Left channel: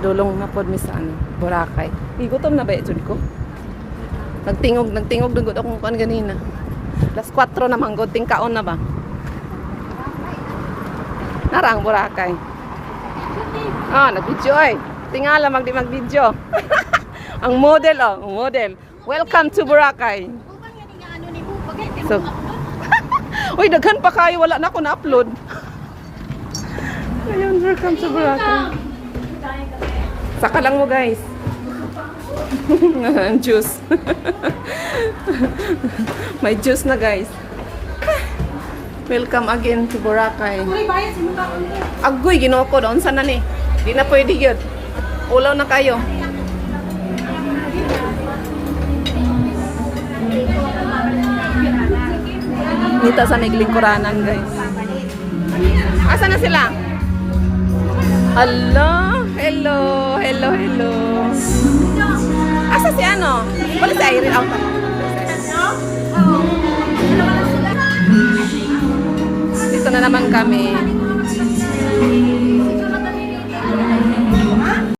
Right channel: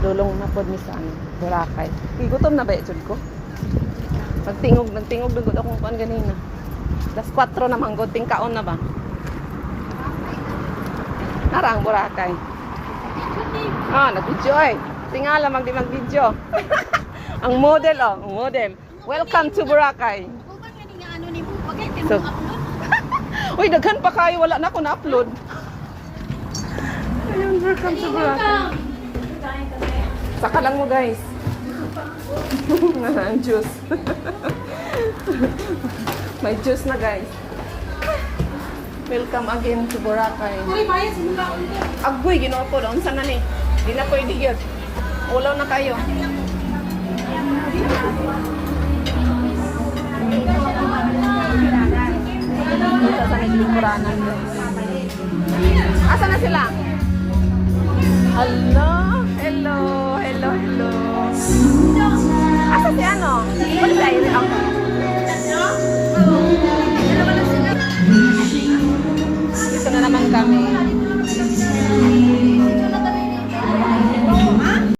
Padulong na pod mi sa ano, Boracay. Gutom na ba jud ko? Nagtingog dugod akong kuan ganina. Alas 4 na manggod tingkaon na ba? Narang Boracay. Nag-video eh. Tingala mag-video. Ang model ang model. Welcome to Boracay. So, uy, daghan pa kayo. Wala na ako na-upload. Ayun, welcome to Boracay. Saka lang mo, guys. Juice. May juice na, guys. Welcome again to Boracay. Agoy, ginoo ko. Doon sana ni. Di na pwede yun. Ulaw na kayo. Dito sa Miglingkuranan, guys. Asa na sila? Hello. Asa si ano? Wala si Irene ako. Dito na naman kami.